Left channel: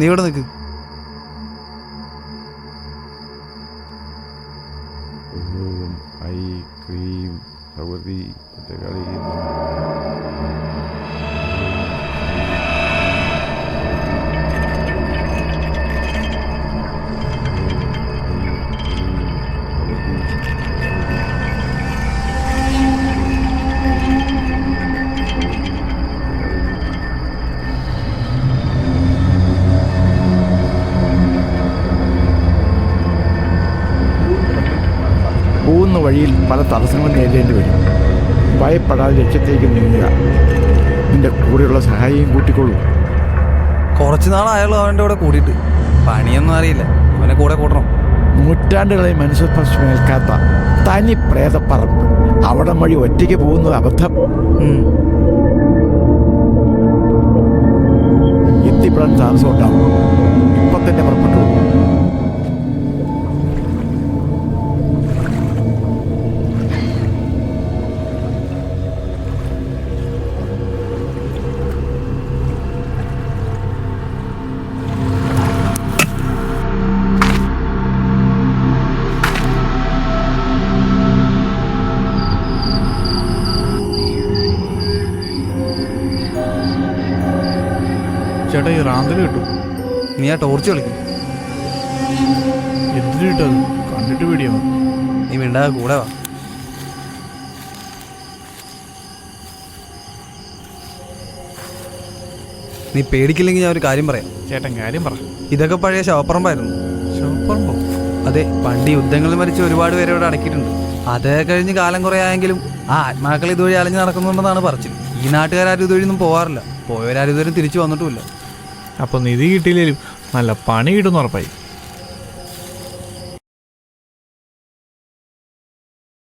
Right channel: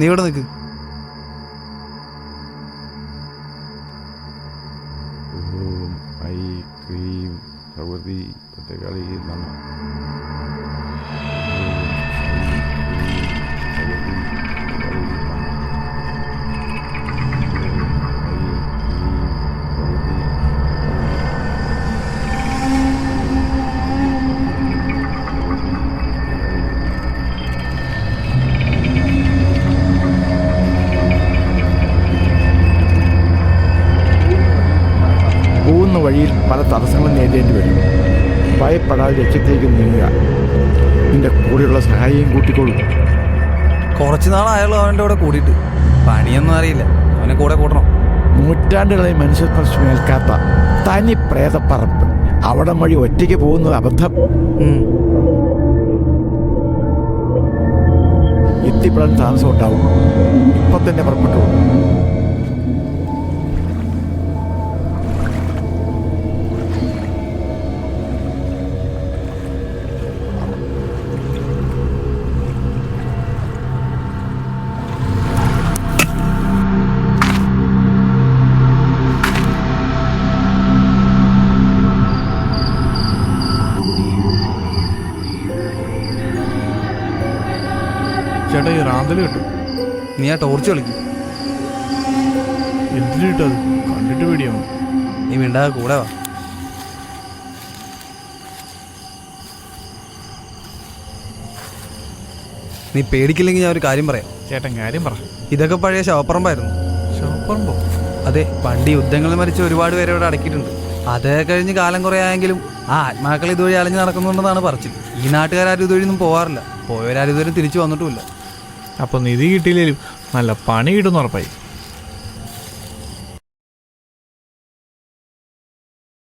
നീ ഇവിടെ നിൽക്ക്. ഓം ഐ ക്രീം ഭഗവതി ഭദ്രകാളി നമഃ. പോകുന്ന വഴിയിൽ പല തടസ്സങ്ങളും നേരിടേണ്ടി വരും. ഭയപ്പെടാതെ ലക്ഷ്യത്തേക്ക് നീങ്ങുക. നിന്റെ കൂടെയുള്ള സഹായിയും കൂട്ടിക്കൊള്ളൂ. കുറച്ച് നാളായാലും അവൻ്റെ കൂടെ കൂടിയിട്ട് പണിയൊന്നും അറിയില്ല. അവനെ കൂടെ കൂട്ടണം. നൂറ്റാണ്ടുകളായി മനുഷ്യസ്പർശമേൽക്കാത്ത തനി പ്രേതപ്പറമ്പ്. അവിടെ വഴി ഒറ്റയ്ക്ക് പോകുന്നത് അബദ്ധം. എത്തിപ്പെടാൻ താമസം ഉണ്ടാവും. ഇപ്പം തന്നെ പുറപ്പെട്ടോളൂ. ചേട്ടാ ഈ റാന്തൽ കിട്ടും. നീ ആ ടോർച്ച് കളിക്കും. എന്തിനു കിട്ടത്? കണ്ടിട്ട് പേടിയാവും. നീ മിണ്ടാതെ കൂടെ വാ. നീ പേടിക്കില്ലെങ്കിൽ ഞാൻ ഒരു കാര്യം പറയാം. ചേട്ടൻ കാര്യം പറ. ഇതൊക്കെ പഴയ ശവപ്പറമ്പായിരുന്നു. ശവപ്പറമ്പോ? അതെ, പണ്ട് യുദ്ധങ്ങളിൽ മരിച്ച ഒരുപാട് പേരെ ഇവിടെ അടക്കിയിട്ടുണ്ട്. അത് കഴിഞ്ഞ് കാലം കുറേ ആയെങ്കിലും ആ ആത്മാക്കൾ ഇതുവഴി അലഞ്ഞ് നടക്കുന്നുണ്ടെന്നാണ് പറച്ചിൽ. ഈ നാട്ടുകാരും ഇതുവഴിയൊന്നും പോകാറില്ല. പോയവരാരും ഇതുവരെ തിരിച്ചു വന്നിട്ടുമില്ല. അപ്പോൾ നിധി കിട്ടിയില്ലേലും നല്ല പണി കിട്ടുമെന്ന് ഉറപ്പായി.